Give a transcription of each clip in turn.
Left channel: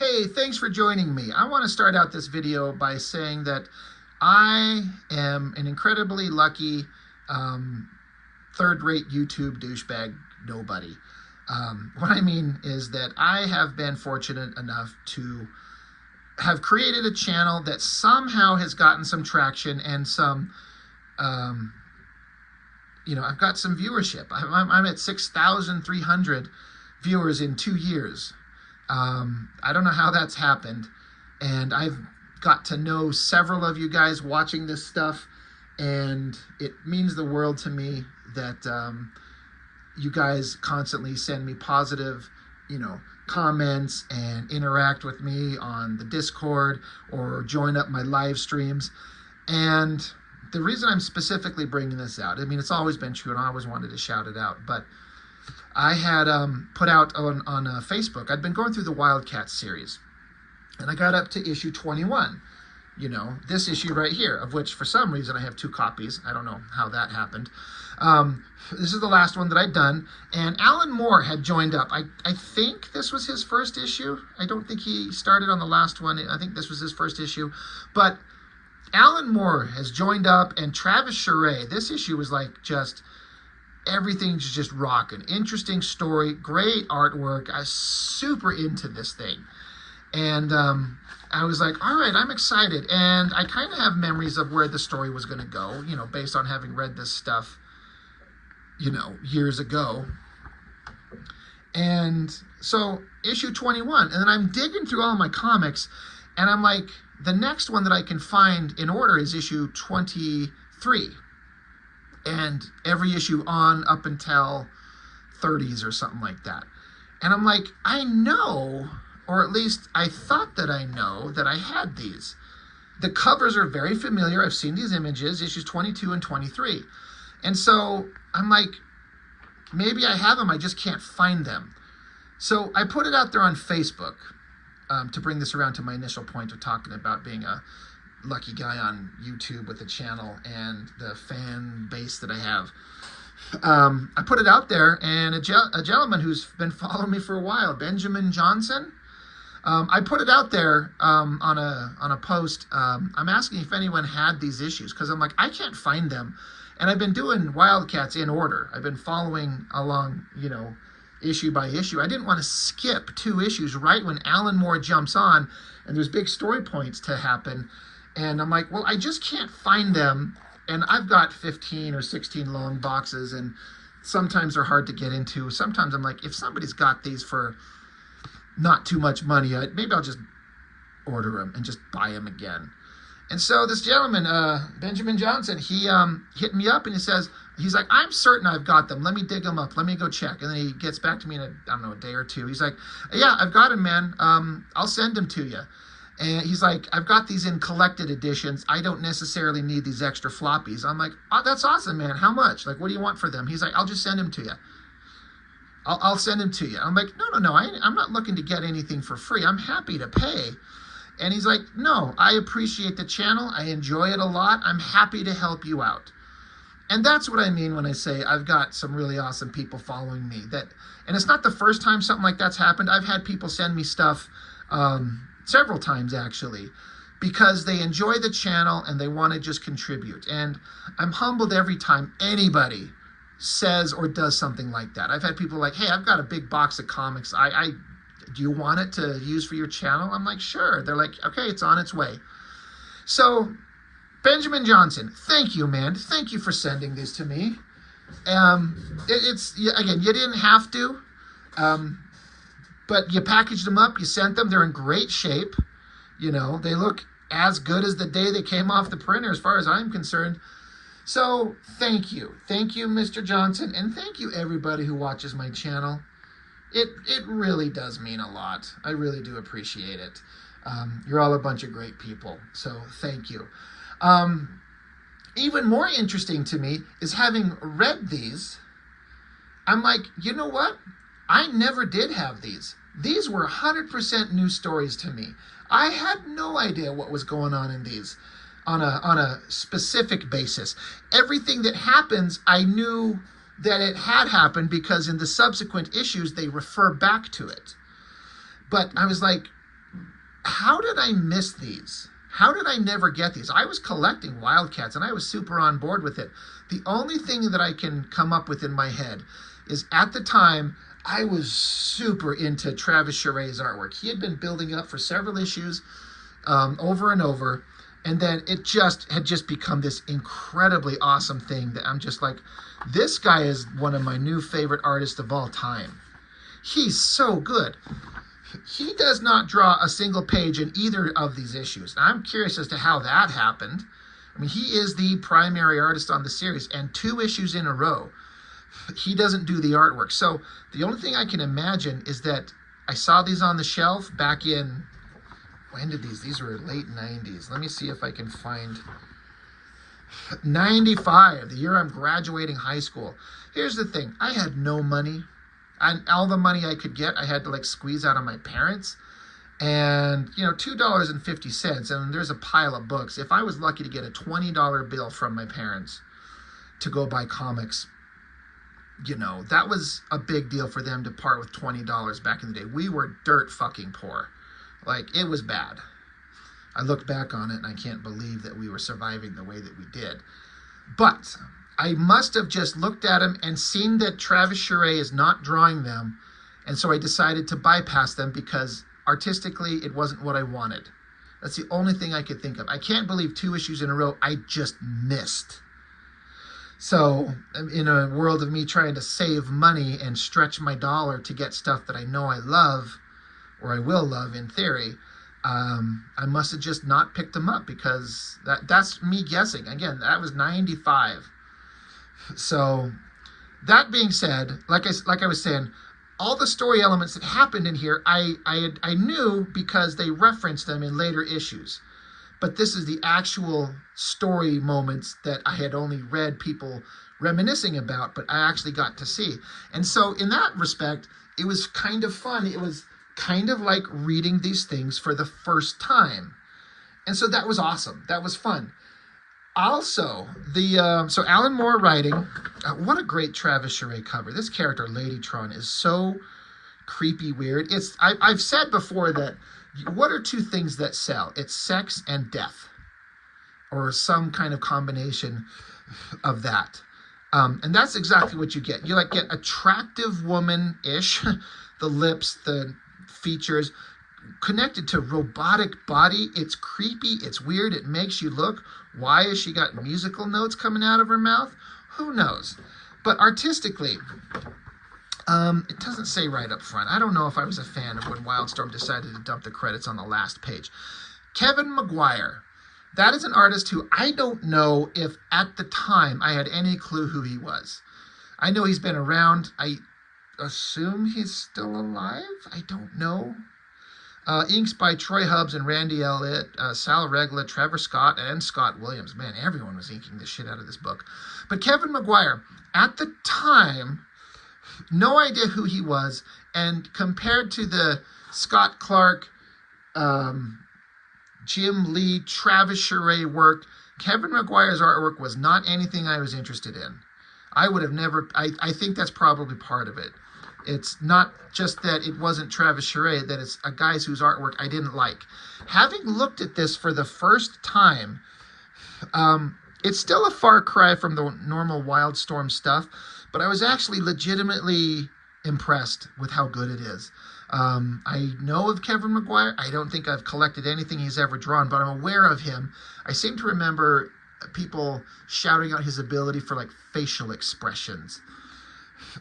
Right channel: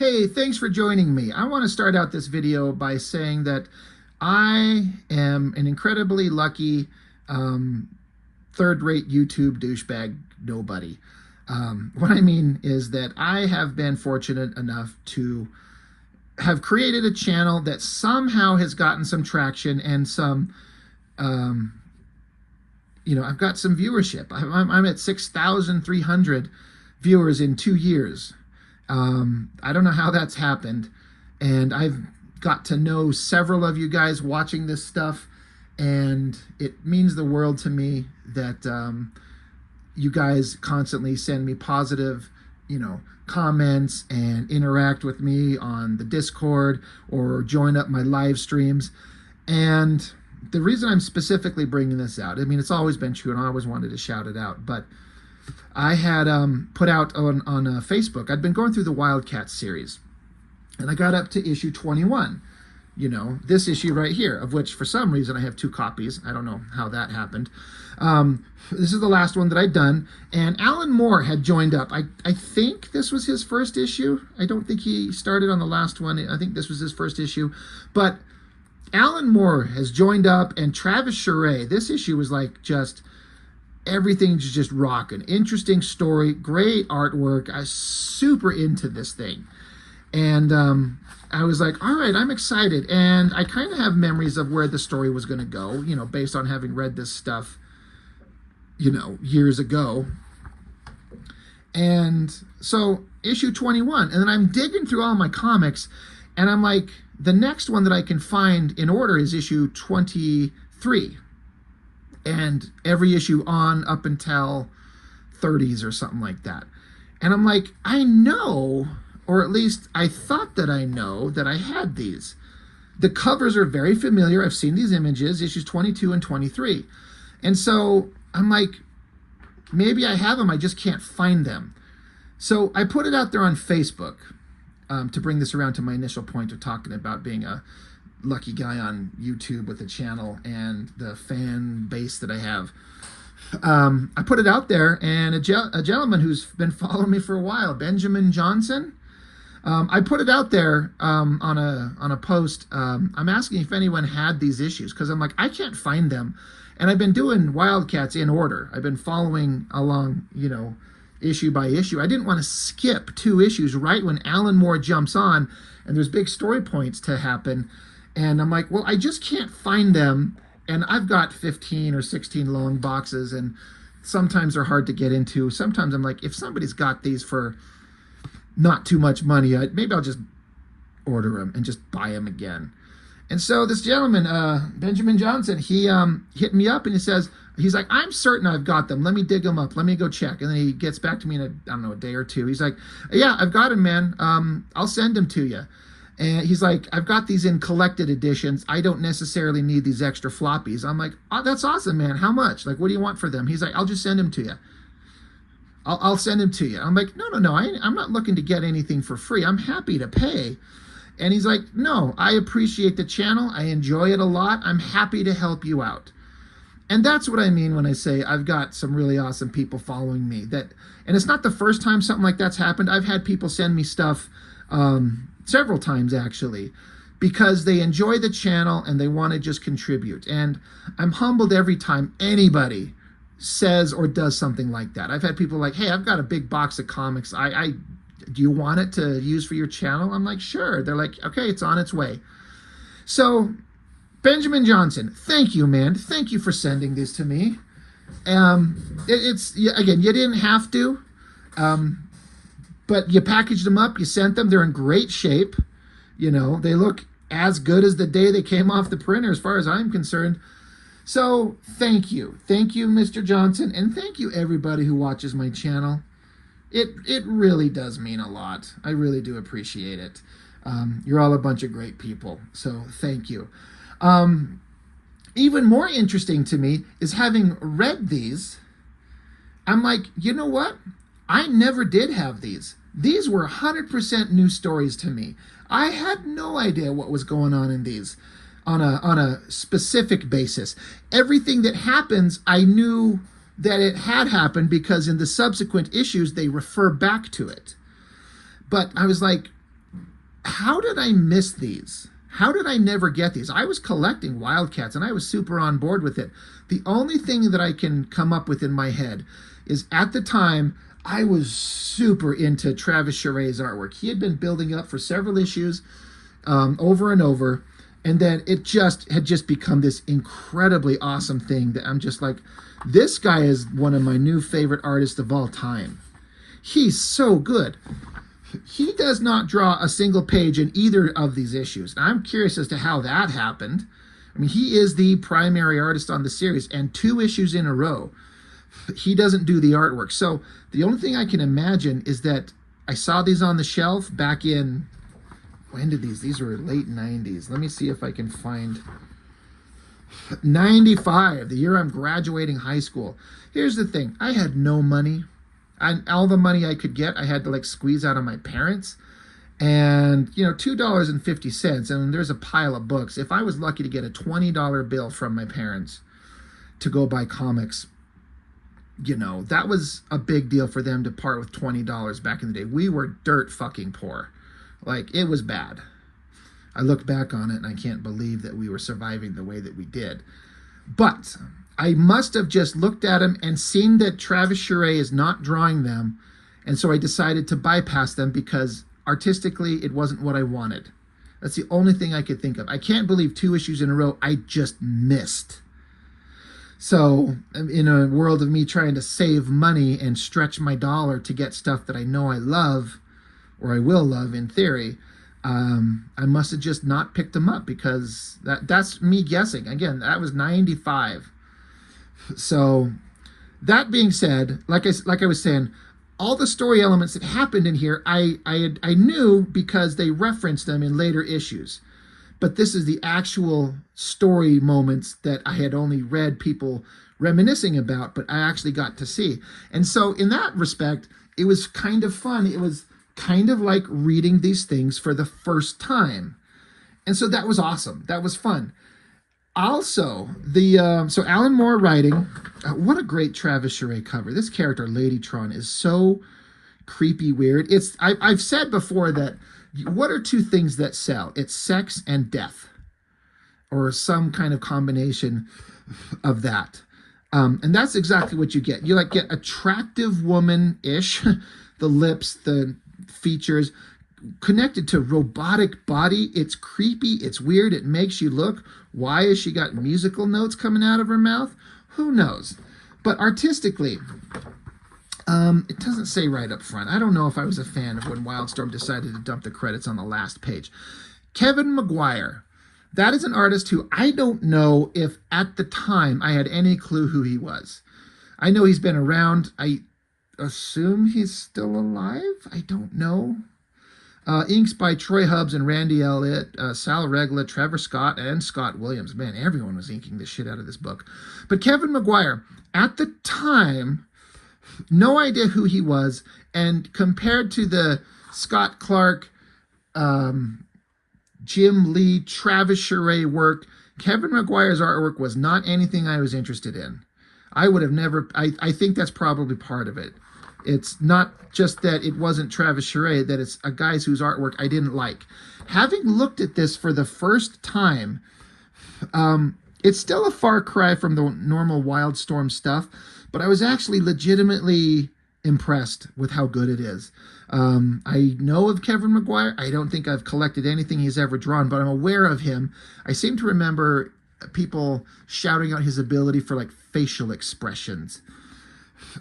Hey, thanks for joining me. I want to start out this video by saying that I am an incredibly lucky third-rate YouTube douchebag nobody. What I mean is that I have been fortunate enough to have created a channel that somehow has gotten some traction and some, I've got some viewership. I'm at 6,300 viewers in 2 years. I don't know how that's happened, and I've got to know several of you guys watching this stuff, and it means the world to me that you guys constantly send me positive, comments and interact with me on the Discord or join up my live streams. And the reason I'm specifically bringing this out, I mean, it's always been true and I always wanted to shout it out, but I had put out on Facebook, I'd been going through the WILDCATS series, and I got up to issue 21, this issue right here, of which for some reason I have 2 copies. I don't know how that happened. This is the last one that I'd done, and Alan Moore had joined up. I think this was his first issue. I don't think he started on the last one. I think this was his first issue, but Alan Moore has joined up, and Travis Charest, this issue was like just... everything's just rocking. Interesting story, great artwork. I was super into this thing. And I was like, all right, I'm excited. And I kind of have memories of where the story was going to go, based on having read this stuff, years ago. And so issue 21, and then I'm digging through all my comics, and I'm like, the next one that I can find in order is issue 23. And every issue on up until 30s or something like that. And I'm like, I know, or at least I thought that I know that I had these. The covers are very familiar. I've seen these images, issues 22 and 23. And so I'm like, maybe I have them, I just can't find them. So I put it out there on Facebook to bring this around to my initial point of talking about being a lucky guy on YouTube with a channel and the fan base that I have. I put it out there, and a gentleman who's been following me for a while, Benjamin Johnson, I put it out there on a post. I'm asking if anyone had these issues, because I'm like, I can't find them. And I've been doing WILDCATS in order. I've been following along, issue by issue. I didn't want to skip 2 issues right when Alan Moore jumps on and there's big story points to happen. And I'm like, well, I just can't find them. And I've got 15 or 16 long boxes, and sometimes they're hard to get into. Sometimes I'm like, if somebody's got these for not too much money, maybe I'll just order them and just buy them again. And so this gentleman, Benjamin Johnson, he hit me up and he's like, I'm certain I've got them. Let me dig them up. Let me go check. And then he gets back to me in a day or 2. He's like, yeah, I've got them, man. I'll send them to you. And he's like, I've got these in collected editions. I don't necessarily need these extra floppies. I'm like, oh, that's awesome, man. How much? Like, what do you want for them? He's like, I'll just send them to you. I'll send them to you. I'm like, no. I'm not looking to get anything for free. I'm happy to pay. And he's like, no, I appreciate the channel. I enjoy it a lot. I'm happy to help you out. And that's what I mean when I say I've got some really awesome people following me. And it's not the first time something like that's happened. I've had people send me stuff several times, actually, because they enjoy the channel and they want to just contribute. And I'm humbled every time anybody says or does something like that. I've had people like, hey, I've got a big box of comics. Do you want it to use for your channel? I'm like, sure. They're like, okay, it's on its way. So Benjamin Johnson, thank you, man. Thank you for sending these to me. Again, you didn't have to. But you packaged them up, you sent them, they're in great shape. They look as good as the day they came off the printer as far as I'm concerned. So thank you. Thank you, Mr. Johnson, and thank you everybody who watches my channel. It really does mean a lot. I really do appreciate it. You're all a bunch of great people, so thank you. Even more interesting to me is having read these, I'm like, you know what? I never did have these. These were 100% new stories to me. I had no idea what was going on in these on a specific basis. Everything that happens, I knew that it had happened because in the subsequent issues, they refer back to it. But I was like, how did I miss these? How did I never get these? I was collecting Wildcats and I was super on board with it. The only thing that I can come up with in my head is at the time I was super into Travis Chare's artwork. He had been building up for several issues, over and over, and then it had just become this incredibly awesome thing that I'm just like, this guy is one of my new favorite artists of all time. He's so good. He does not draw a single page in either of these issues. Now, I'm curious as to how that happened. I mean, he is the primary artist on the series, and 2 issues in a row, he doesn't do the artwork. So the only thing I can imagine is that I saw these on the shelf back in, when did these were late 90s. Let me see if I can find 95, the year I'm graduating high school. Here's the thing, I had no money. All the money I could get, I had to like squeeze out of my parents. And, you know, $2.50, and there's a pile of books. If I was lucky to get a $20 bill from my parents to go buy comics, you know, that was a big deal for them to part with $20 back in the day. We were dirt fucking poor. Like, it was bad. I look back on it and I can't believe that we were surviving the way that we did. But I must have just looked at him and seen that Travis Chare is not drawing them, and so I decided to bypass them because artistically it wasn't what I wanted. That's the only thing I could think of. I can't believe 2 issues in a row I just missed. So in a world of me trying to save money and stretch my dollar to get stuff that I know I love, or I will love in theory, I must have just not picked them up, because that's me guessing. Again, that was 95. So that being said, like I was saying, all the story elements that happened in here, I knew because they referenced them in later issues. But this is the actual story moments that I had only read people reminiscing about, but I actually got to see. And so in that respect, it was kind of fun. It was kind of like reading these things for the first time. And so that was awesome. That was fun. Also, so Alan Moore writing, what a great Travis Chare cover. This character, Ladytron, is so creepy weird. I've said before that what are 2 things that sell? It's sex and death, or some kind of combination of that. And that's exactly what you get. You like get attractive woman-ish, the lips, the features, connected to robotic body. It's creepy, it's weird, it makes you look. Why has she got musical notes coming out of her mouth? Who knows? But artistically, it doesn't say right up front. I don't know if I was a fan of when Wildstorm decided to dump the credits on the last page. Kevin Maguire. That is an artist who I don't know if at the time I had any clue who he was. I know he's been around. I assume he's still alive. I don't know. Inks by Troy Hubbs and Randy Elliott, Sal Regla, Trevor Scott, and Scott Williams. Man, everyone was inking the shit out of this book. But Kevin Maguire, at the time, no idea who he was, and compared to the Scott Clark, Jim Lee, Travis Chare work, Kevin Maguire's artwork was not anything I was interested in. I would have never, I think that's probably part of it. It's not just that it wasn't Travis Chare, that it's a guy's whose artwork I didn't like. Having looked at this for the first time, it's still a far cry from the normal Wildstorm stuff, but I was actually legitimately impressed with how good it is. I know of Kevin Maguire. I don't think I've collected anything he's ever drawn, but I'm aware of him. I seem to remember people shouting out his ability for like facial expressions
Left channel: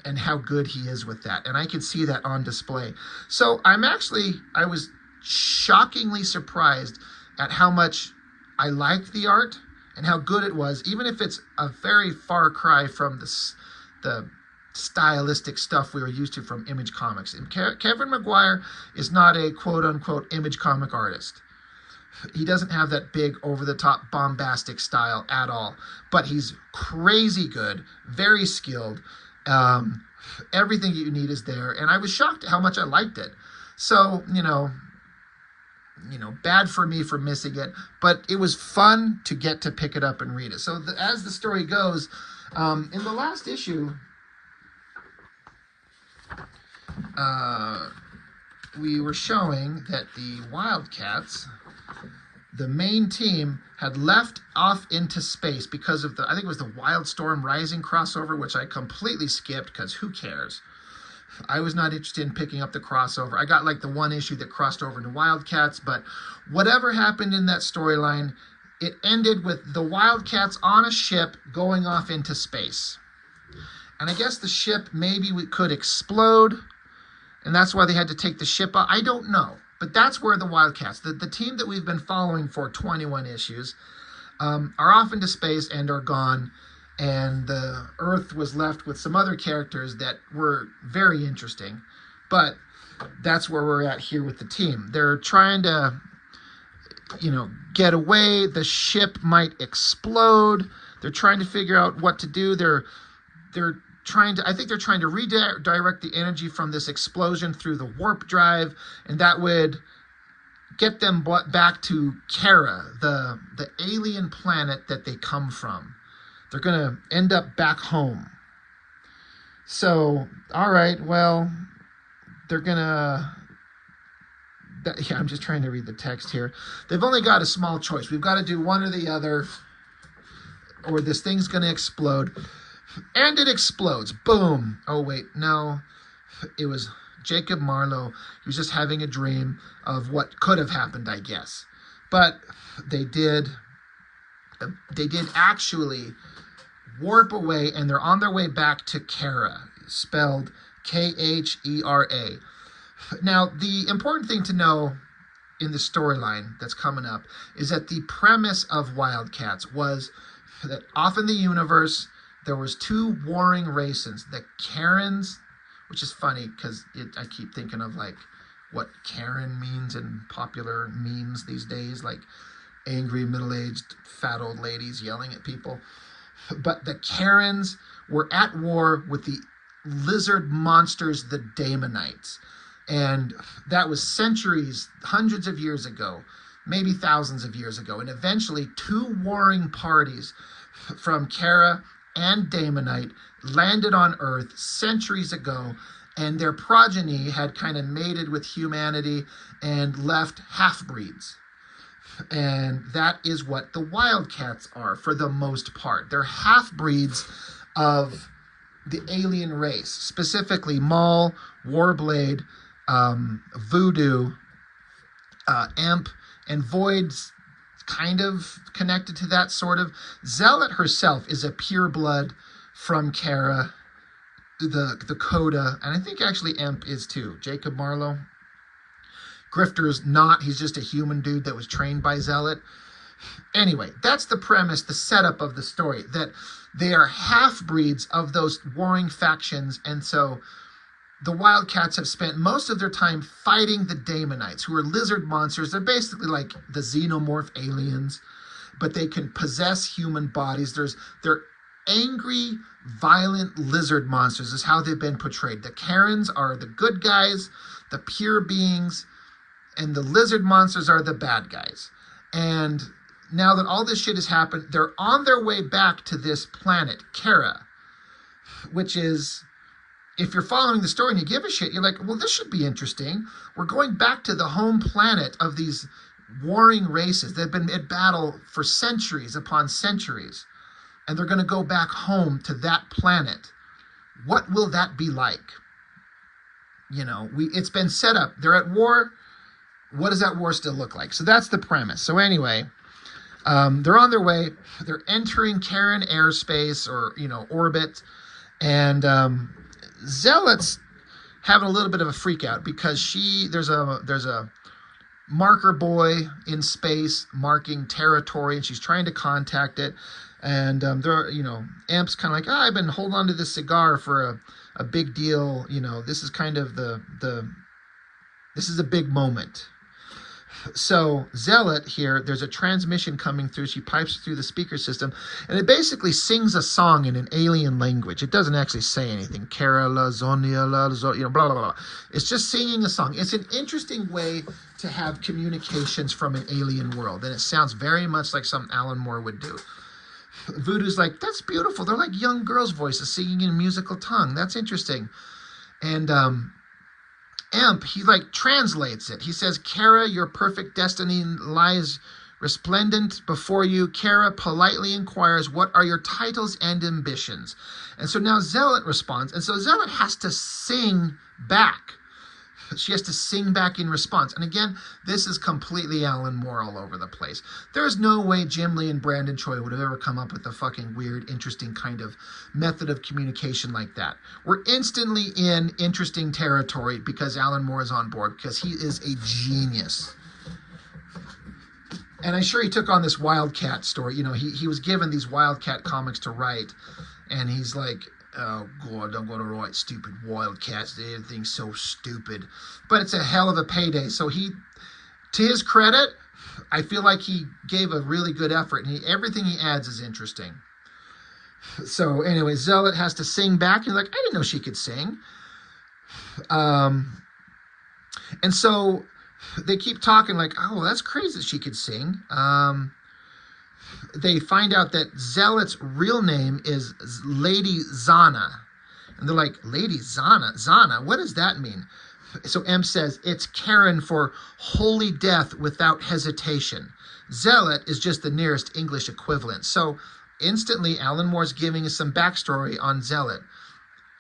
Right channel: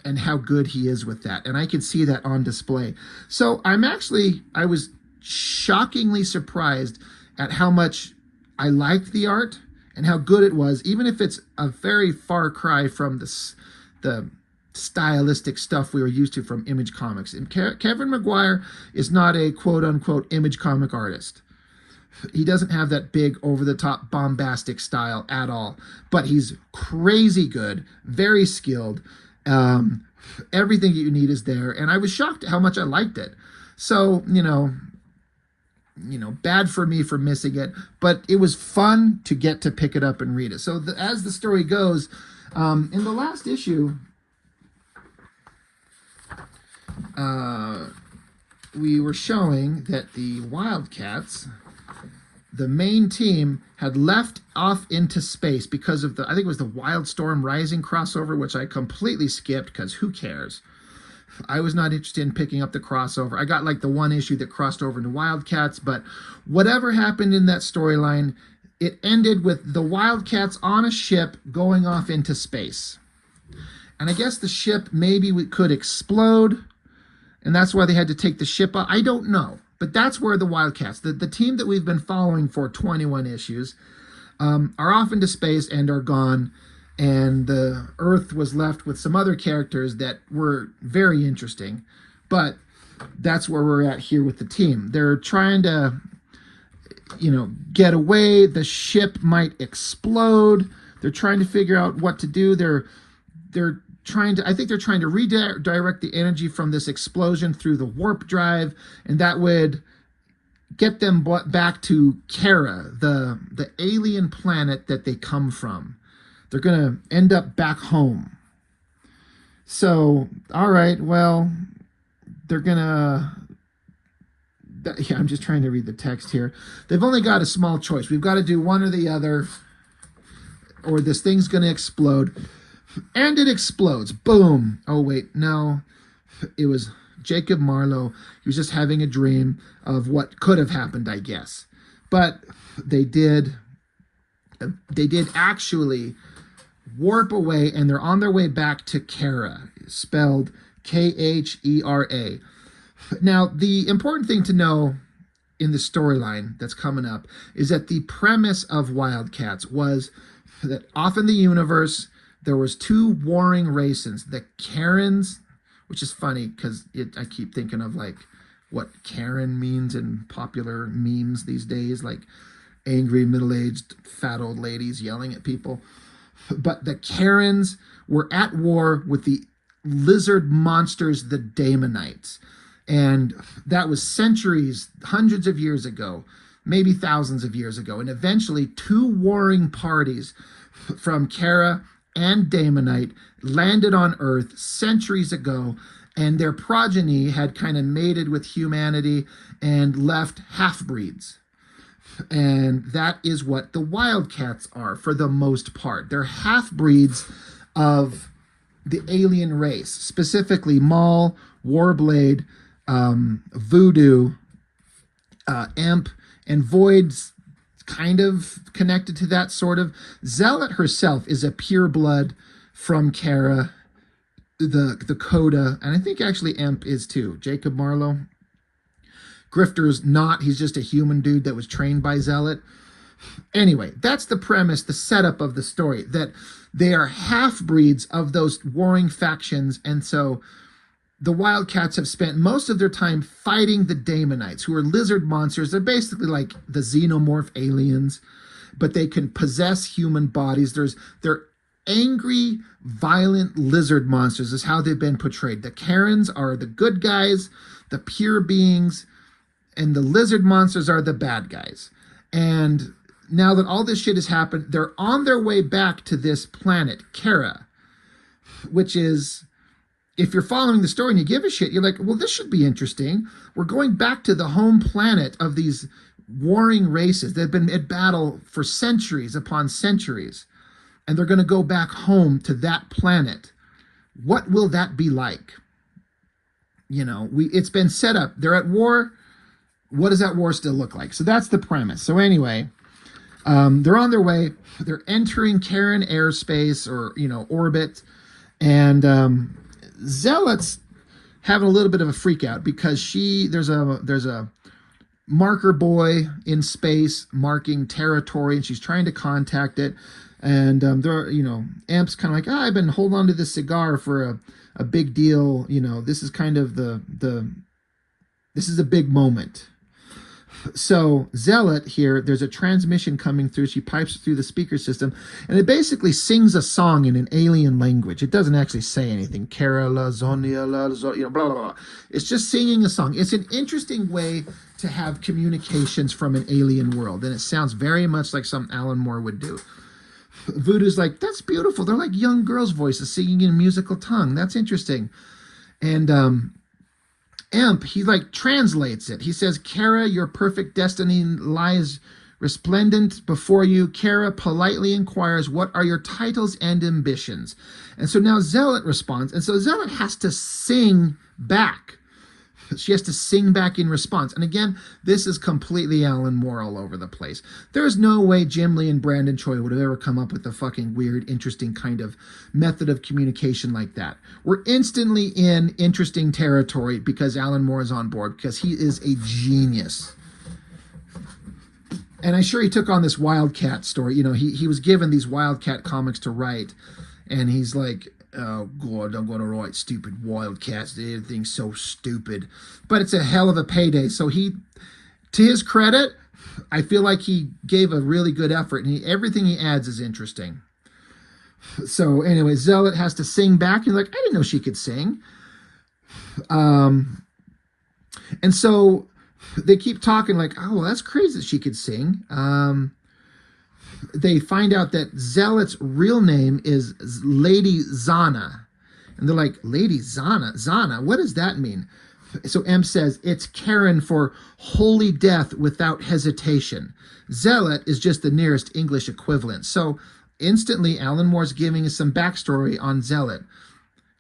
and how good he is with that. And I can see that on display. So I was shockingly surprised at how much I liked the art and how good it was, even if it's a very far cry from the stylistic stuff we were used to from Image Comics. And Kevin Maguire is not a quote-unquote Image comic artist. He doesn't have that big, over-the-top, bombastic style at all. But he's crazy good, very skilled. Everything you need is there, and I was shocked at how much I liked it. So, you know, bad for me for missing it, but it was fun to get to pick it up and read it. So as the story goes, in the last issue, we were showing that the Wildcats, the main team, had left off into space because of I think it was the Wildstorm Rising crossover, which I completely skipped because who cares? I was not interested in picking up the crossover. I got like the one issue that crossed over into Wildcats, but whatever happened in that storyline, it ended with the Wildcats on a ship going off into space. And I guess the ship maybe could explode, and that's why they had to take the ship out. I don't know. But that's where the Wildcats, the team that we've been following for 21 issues, are off into space and are gone. And the Earth was left with some other characters that were very interesting. But that's where we're at here with the team. They're trying to, get away. The ship might explode. They're trying to figure out what to do. I think they're trying to redirect the energy from this explosion through the warp drive, and that would get them back to Khera, the alien planet that they come from. They're going to end up back home. So, all right, well, they're going to... Yeah, I'm just trying to read the text here. They've only got a small choice. We've got to do one or the other, or this thing's going to explode. And it explodes. Boom. Oh, wait, no. It was Jacob Marlowe. He was just having a dream of what could have happened, I guess. But they did actually warp away, and they're on their way back to Khera, spelled Khera. Now, the important thing to know in the storyline that's coming up is that the premise of Wildcats was that off in the universe, there was two warring races, the Karens, which is funny because I keep thinking of like what Karen means in popular memes these days, like angry middle-aged fat old ladies yelling at people. But the Karens were at war with the lizard monsters, the Daemonites. And that was centuries, hundreds of years ago, maybe thousands of years ago. And eventually two warring parties from Khera and Daemonite landed on Earth centuries ago, and their progeny had kind of mated with humanity and left half-breeds. And that is what the Wildcats are for the most part. They're half-breeds of the alien race, specifically Maul, Warblade, Voodoo, Imp, and Void's kind of connected to that, sort of. Zealot herself is a pureblood from Khera, the Coda, and I think actually Imp is too. Jacob Marlowe. Grifter's not. He's just a human dude that was trained by Zealot. Anyway, that's the premise, the setup of the story, that they are half-breeds of those warring factions, and so the Wildcats have spent most of their time fighting the Daemonites, who are lizard monsters. They're basically like the xenomorph aliens, but they can possess human bodies. They're angry, violent lizard monsters is how they've been portrayed. The Karens are the good guys, the pure beings, and the lizard monsters are the bad guys. And now that all this shit has happened, they're on their way back to this planet, Khera, which is... if you're following the story and you give a shit, you're like, well, this should be interesting. We're going back to the home planet of these warring races. They've been at battle for centuries upon centuries. And they're going to go back home to that planet. What will that be like? It's been set up. They're at war. What does that war still look like? So that's the premise. So anyway, they're on their way. They're entering Karen airspace or, orbit. And... Zealot's having a little bit of a freak out because there's a marker boy in space marking territory, and she's trying to contact it. And Amp's kind of like, I've been holding on to this cigar for a big deal. This is kind of this is a big moment. So Zealot here, there's a transmission coming through. She pipes through the speaker system, and it basically sings a song in an alien language. It doesn't actually say anything. Khera, la, Zonia, la, blah, blah, blah. It's just singing a song. It's an interesting way to have communications from an alien world, and it sounds very much like something Alan Moore would do. Voodoo's like, that's beautiful. They're like young girls' voices singing in musical tongue. That's interesting. And Imp, he like translates it. He says, Khera, your perfect destiny lies resplendent before you. Khera politely inquires, what are your titles and ambitions? And so now Zealot responds. And so Zealot has to sing back. She has to sing back in response. And again, this is completely Alan Moore all over the place. There's no way Jim Lee and Brandon Choi would have ever come up with a fucking weird, interesting kind of method of communication like that. We're instantly in interesting territory because Alan Moore is on board, because he is a genius. And I'm sure he took on this Wildcat story. You know, he was given these Wildcat comics to write, and he's like, oh, God, I'm going to write stupid Wildcats. Everything's so stupid. But it's a hell of a payday. So he, to his credit, I feel like he gave a really good effort. And everything he adds is interesting. So anyway, Zealot has to sing back. He's like, I didn't know she could sing. And so they keep talking like, oh, well, that's crazy that she could sing. They find out that Zealot's real name is Lady Zana. And they're like, Lady Zana? Zana? What does that mean? So M says, it's Karen for holy death without hesitation. Zealot is just the nearest English equivalent. So instantly, Alan Moore's giving us some backstory on Zealot.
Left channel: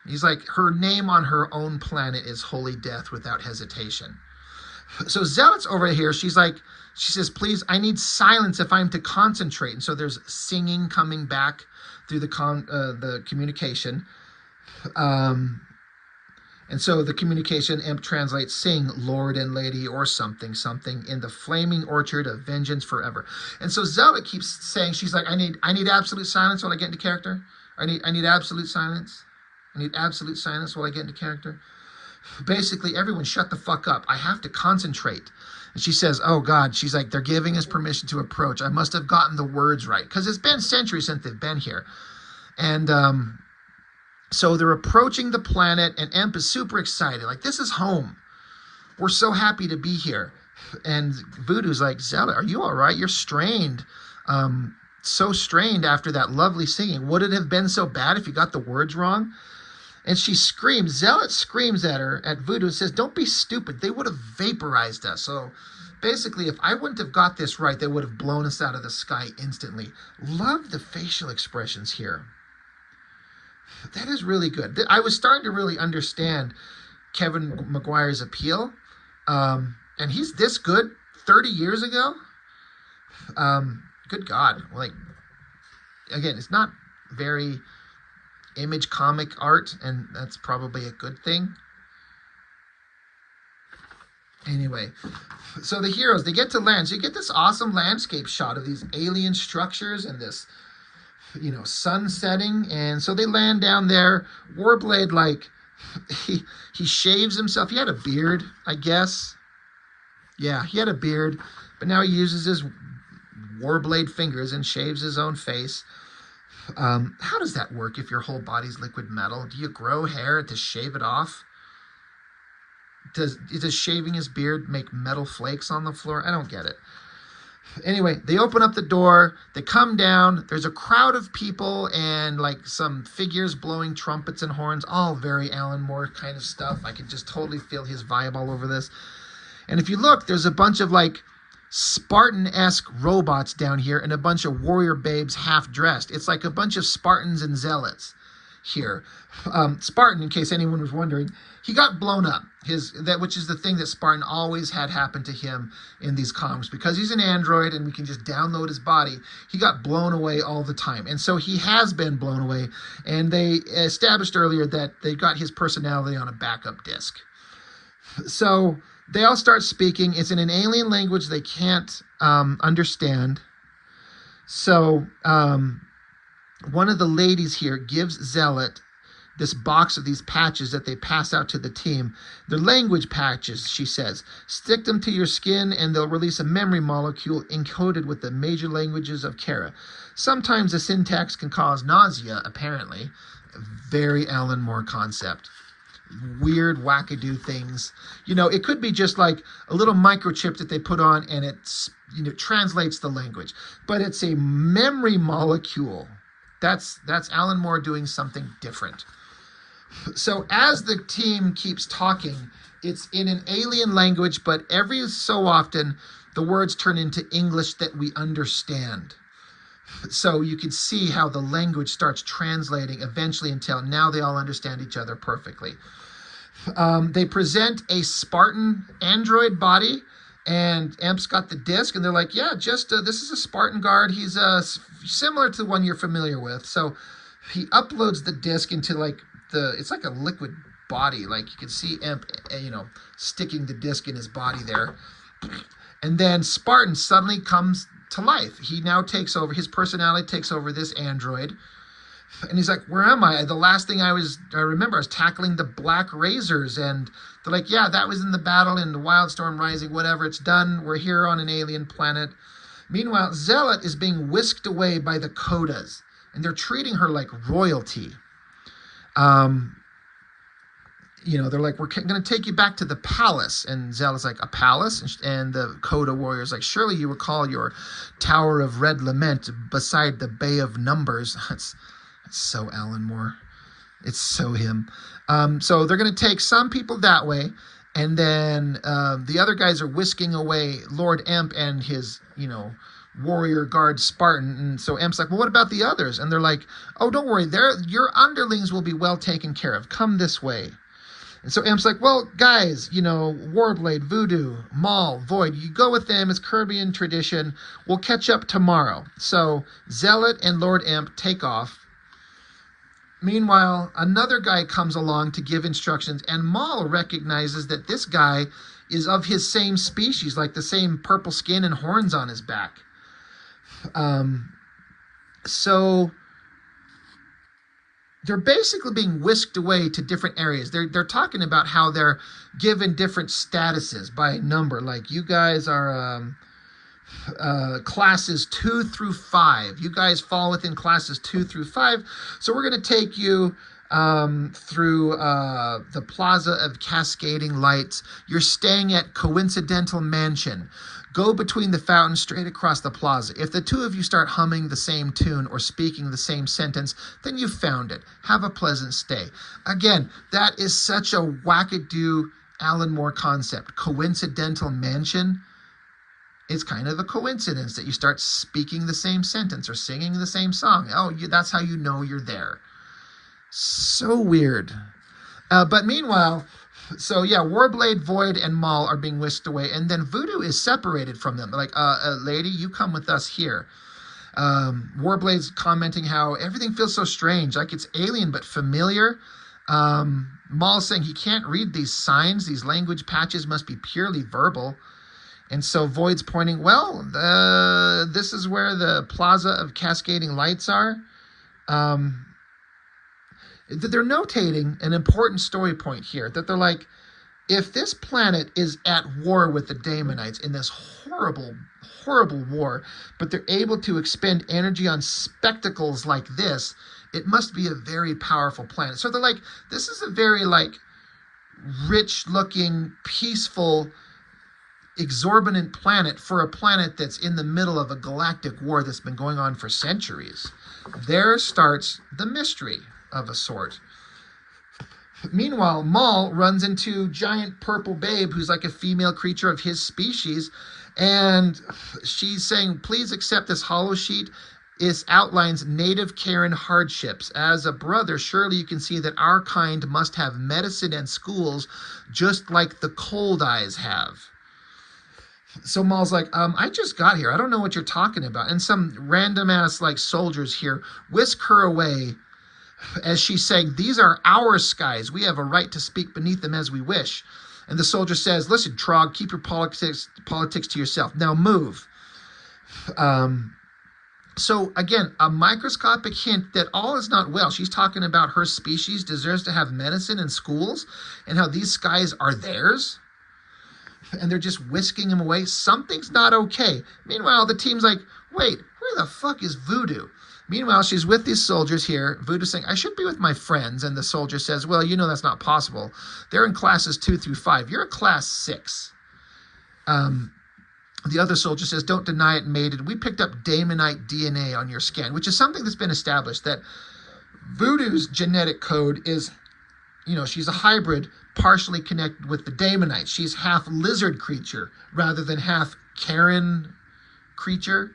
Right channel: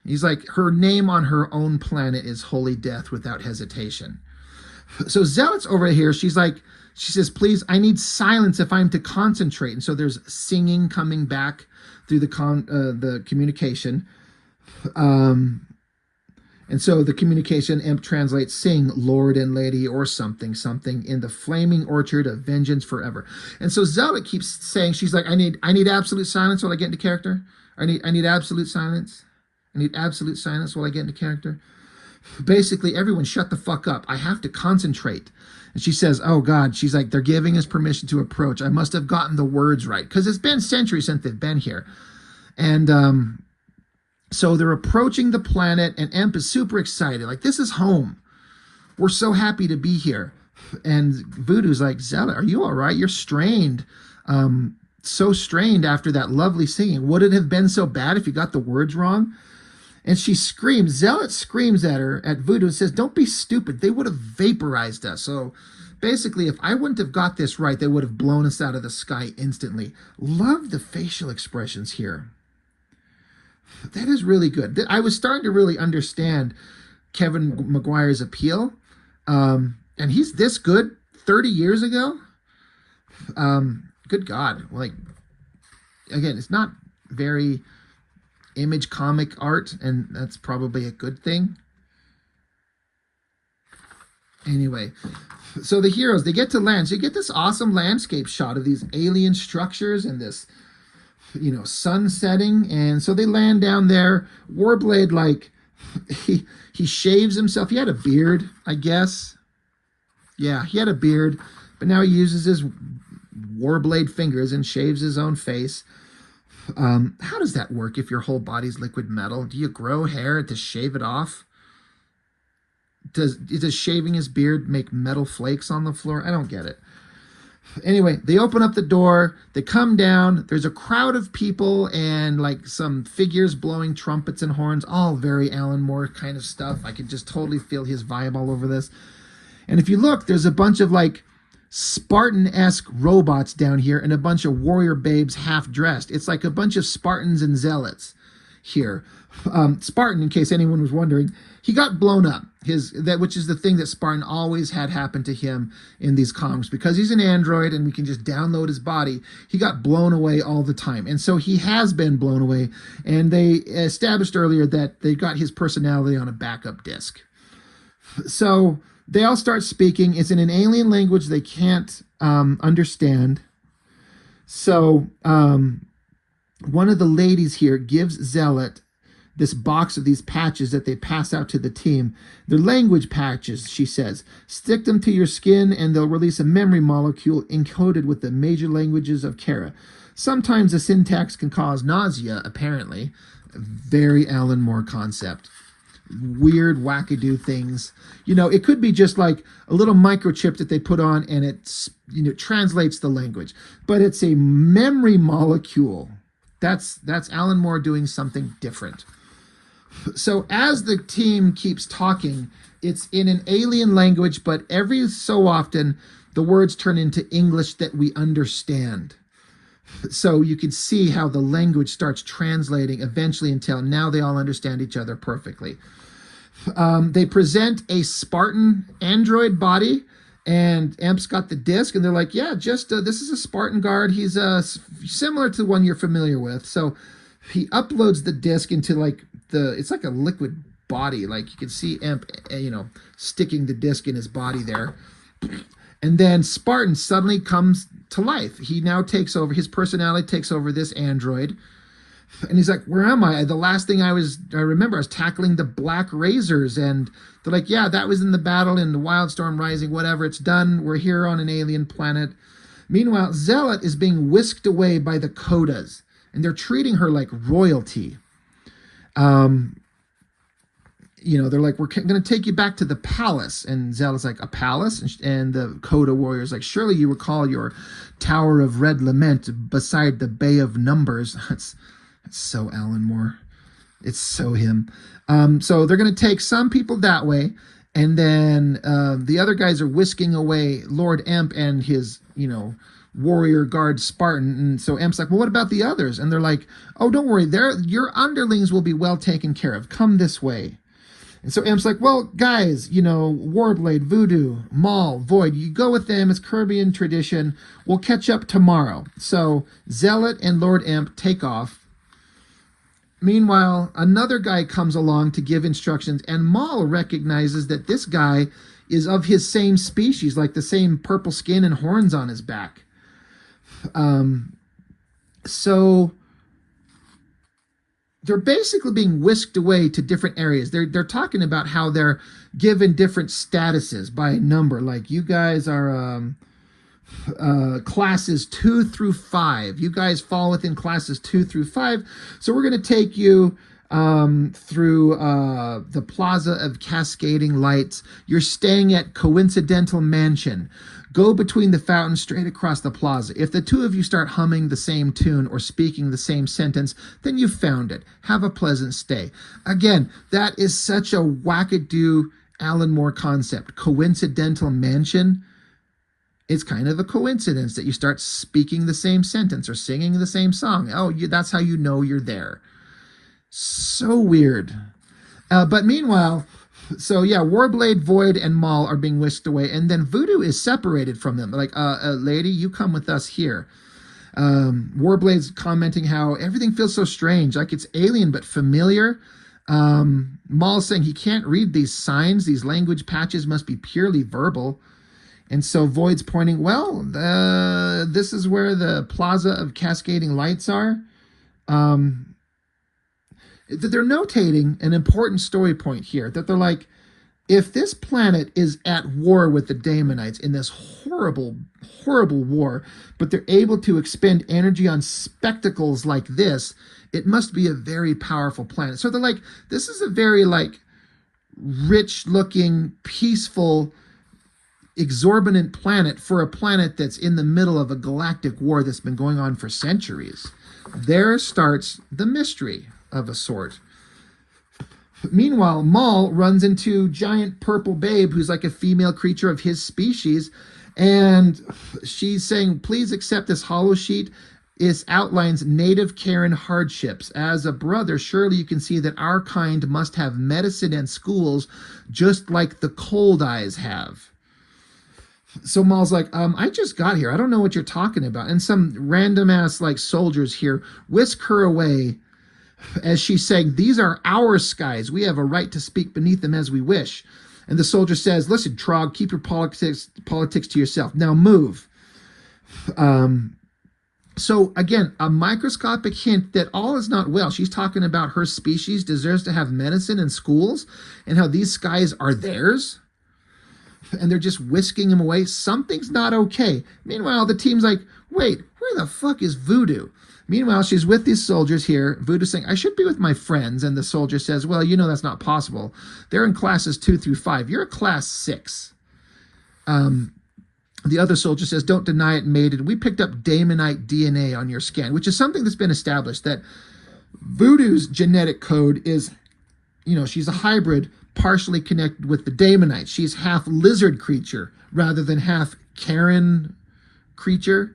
He's like, her name on her own planet is holy death without hesitation. So Zealot's over here. She's like, she says, please, I need silence if I'm to concentrate. And so there's singing coming back through the communication. And so the communication imp translates, sing, Lord and Lady, or something, in the flaming orchard of vengeance forever. And so Zealot keeps saying, she's like, I need absolute silence while I get into character. I need absolute silence. I need absolute silence while I get into character. Basically, everyone shut the fuck up. I have to concentrate. And she says, oh, God, she's like, they're giving us permission to approach. I must have gotten the words right, because it's been centuries since they've been here. And so they're approaching the planet, and Emp is super excited. Like, this is home. We're so happy to be here. And Voodoo's like, Zealot, are you all right? You're strained. So strained after that lovely singing. Would it have been so bad if you got the words wrong? And she screams, Zealot screams at her, at Voodoo, and says, don't be stupid. They would have vaporized us. So basically, if I wouldn't have got this right, they would have blown us out of the sky instantly. Love the facial expressions here. That is really good. I was starting to really understand Kevin Maguire's appeal. And he's this good 30 years ago. Good God. Like, again, it's not very image comic art, and that's probably a good thing. Anyway, so the heroes, they get to land. So you get this awesome landscape shot of these alien structures and this, you know, sun setting. And so they land down there. Warblade, like, he shaves himself. He had a beard, I guess. Yeah, he had a beard, but now he uses his Warblade fingers and shaves his own face. How does that work if your whole body's liquid metal? Do you grow hair to shave it off? Does shaving his beard make metal flakes on the floor? I don't get it. Anyway, they open up the door. They come down. There's a crowd of people and like some figures blowing trumpets and horns. All very Alan Moore kind of stuff. I could just totally feel his vibe all over this. And if you look, there's a bunch of like Spartan-esque robots down here and a bunch of warrior babes half-dressed. It's like a bunch of Spartans and zealots here. Spartan, in case anyone was wondering, he got blown up, which is the thing that Spartan always had happen to him in these comics. Because he's an android and we can just download his body, he got blown away all the time. And so he has been blown away. And they established earlier that they got his personality on a backup disk. So they all start speaking. It's in an alien language they can't understand. So one of the ladies here gives Zealot this box of these patches that they pass out to the team. They're language patches, she says. Stick them to your skin and they'll release a memory molecule encoded with the major languages of Khera. Sometimes the syntax can cause nausea, apparently. Very Alan Moore concept. Weird wackadoo things. You know, it could be just like a little microchip that they put on and it, you know, translates the language. But it's a memory molecule. That's Alan Moore doing something different. So as the team keeps talking, It's in an alien language, but every so often the words turn into English that we understand. So you can see how the language starts translating eventually until now they all understand each other perfectly. They present a Spartan android body, and Amp's got the disc, and they're like, yeah, just this is a Spartan guard. He's similar to the one you're familiar with. So he uploads the disc into like it's like a liquid body. Like you can see Amp, sticking the disc in his body there. And then Spartan suddenly comes to life. He now takes over, his personality takes over this android. And he's like, where am I? The last thing I remember, I was tackling the Black Razors. And they're like, yeah, that was in the battle in the Wildstorm Rising, whatever, it's done. We're here on an alien planet. Meanwhile, Zealot is being whisked away by the Kodas. And they're treating her like royalty. They're like, we're going to take you back to the palace. And Zealot's like, a palace? And the Coda warrior's like, surely you recall your Tower of Red Lament beside the Bay of Numbers. That's so Alan Moore. It's so him. So they're going to take some people that way. And then the other guys are whisking away Lord Amp and his, warrior guard Spartan. And so Amp's like, well, what about the others? And they're like, oh, don't worry. Your underlings will be well taken care of. Come this way. And so Amp's like, well, guys, Warblade, Voodoo, Maul, Void, you go with them. It's Kirby tradition. We'll catch up tomorrow. So Zealot and Lord Amp take off. Meanwhile, another guy comes along to give instructions, and Maul recognizes that this guy is of his same species, like the same purple skin and horns on his back. So they're basically being whisked away to different areas. They're talking about how they're given different statuses by a number. Like, you guys are classes 2 through 5. You guys fall within classes 2 through 5. So we're going to take you through the Plaza of Cascading Lights. You're staying at Coincidental Mansion. Go between the fountains straight across the plaza. If the two of you start humming the same tune or speaking the same sentence, then you've found it. Have a pleasant stay. Again, that is such a wackadoo Alan Moore concept. Coincidental Mansion. It's kind of a coincidence that you start speaking the same sentence or singing the same song. Oh, that's how you know you're there. So weird. But meanwhile, so yeah, Warblade, Void, and Maul are being whisked away, and then Voodoo is separated from them. Like, lady, you come with us here. Warblade's commenting how everything feels so strange, like it's alien but familiar. Maul's saying he can't read these signs. These language patches must be purely verbal. And so Void's pointing, well, this is where the Plaza of Cascading Lights are. They're notating an important story point here, that they're like, if this planet is at war with the Daemonites in this horrible, horrible war, but they're able to expend energy on spectacles like this, it must be a very powerful planet. So they're like, this is a very rich-looking, peaceful, exorbitant planet for a planet that's in the middle of a galactic war that's been going on for centuries. There starts the mystery of a sort. Meanwhile, Maul runs into giant purple babe who's like a female creature of his species, and she's saying, please accept this hollow sheet. It outlines native Karen hardships. As a brother, surely you can see that our kind must have medicine and schools just like the Cold Eyes have. So Maul's like, I just got here. I don't know what you're talking about. And some random ass soldiers here whisk her away as she's saying, these are our skies. We have a right to speak beneath them as we wish. And the soldier says, listen, Trog, keep your politics to yourself. Now move. So again, a microscopic hint that all is not well. She's talking about her species deserves to have medicine and schools, and how these skies are theirs. And they're just whisking him away. Something's not okay. Meanwhile, the team's like, wait, where the fuck is Voodoo? Meanwhile, she's with these soldiers here. Voodoo's saying, I should be with my friends. And the soldier says, well, that's not possible. They're in classes 2 through 5. You're a class 6. The other soldier says, don't deny it, maiden. We picked up Daemonite DNA on your scan, which is something that's been established, that Voodoo's genetic code is, she's a hybrid, partially connected with the Daemonites. She's half lizard creature rather than half Karen creature.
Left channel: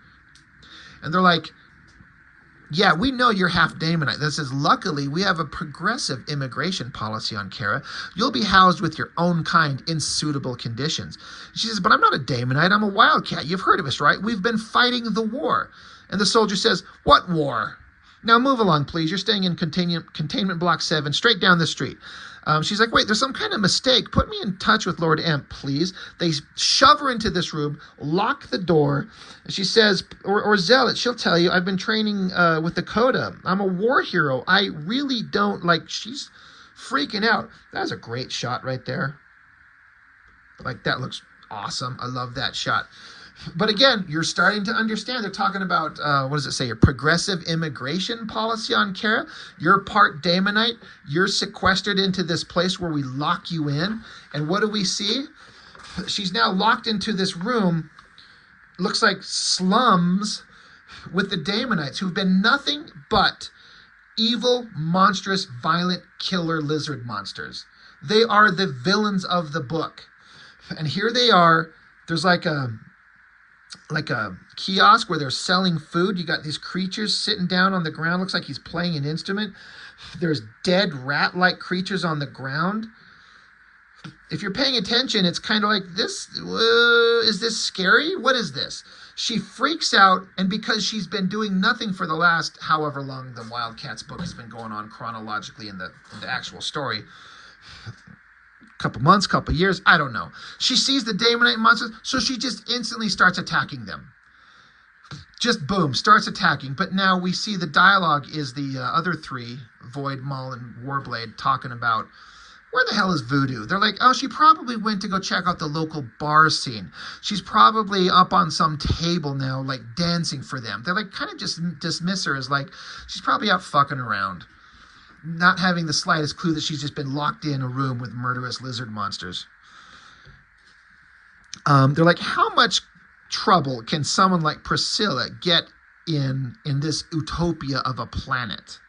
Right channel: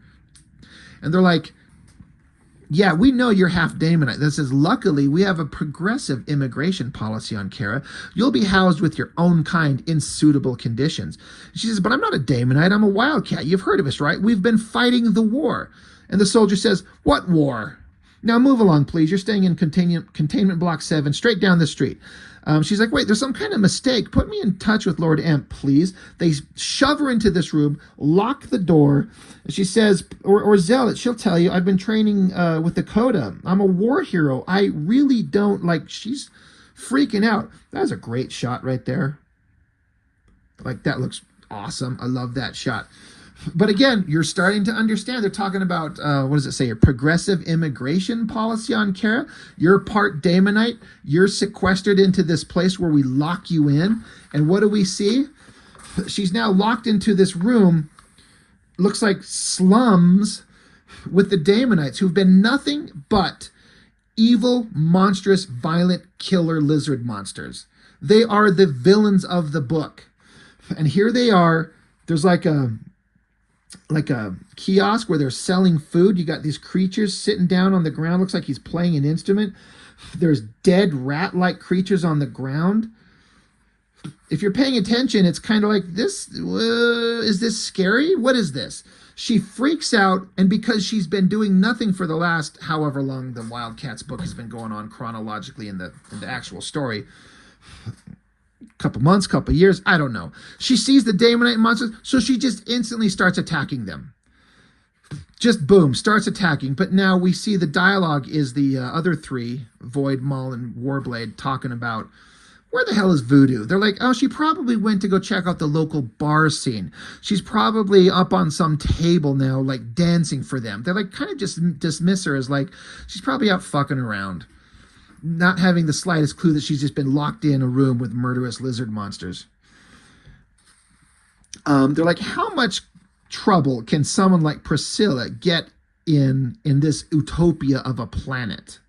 And they're like, yeah, we know you're half Daemonite. That says, luckily, we have a progressive immigration policy on Khera. You'll be housed with your own kind in suitable conditions. She says, but I'm not a Daemonite. I'm a wildcat. You've heard of us, right? We've been fighting the war. And the soldier says, what war? Now move along, please. You're staying in containment block 7, straight down the street. She's like, wait, there's some kind of mistake. Put me in touch with Lord Emp, please. They shove her into this room, lock the door. And she says, or Zealot, she'll tell you, I've been training with the Coda. I'm a war hero. I really don't, like, she's freaking out. That's a great shot right there. Like, that looks awesome. I love that shot. But again, you're starting to understand. They're talking about, what does it say? A progressive immigration policy on Khera. You're part Daemonite. You're sequestered into this place where we lock you in. And what do we see? She's now locked into this room. Looks like slums with the Daemonites, who've been nothing but evil, monstrous, violent, killer lizard monsters. They are the villains of the book. And here they are. There's like a kiosk where they're selling food. You got these creatures sitting down on the ground. Looks like he's playing an instrument. There's dead rat-like creatures on the ground. If you're paying attention, it's kind of like this. Is this scary? What is this? She freaks out, and because she's been doing nothing for the last however long the Wildcats book has been going on chronologically in the actual story, couple months, couple years, I don't know. She sees the Daemonite monsters, so she just instantly starts attacking them. Just boom, starts attacking. But now we see the dialogue is the other three, Void, Maul, and Warblade, talking about, where the hell is Voodoo? They're like, oh, she probably went to go check out the local bar scene. She's probably up on some table now, like dancing for them. They're like, kind of just dismiss her as like, she's probably out fucking around, not having the slightest clue that she's just been locked in a room with murderous lizard monsters. They're like, how much trouble can someone like Priscilla get in this utopia of a planet?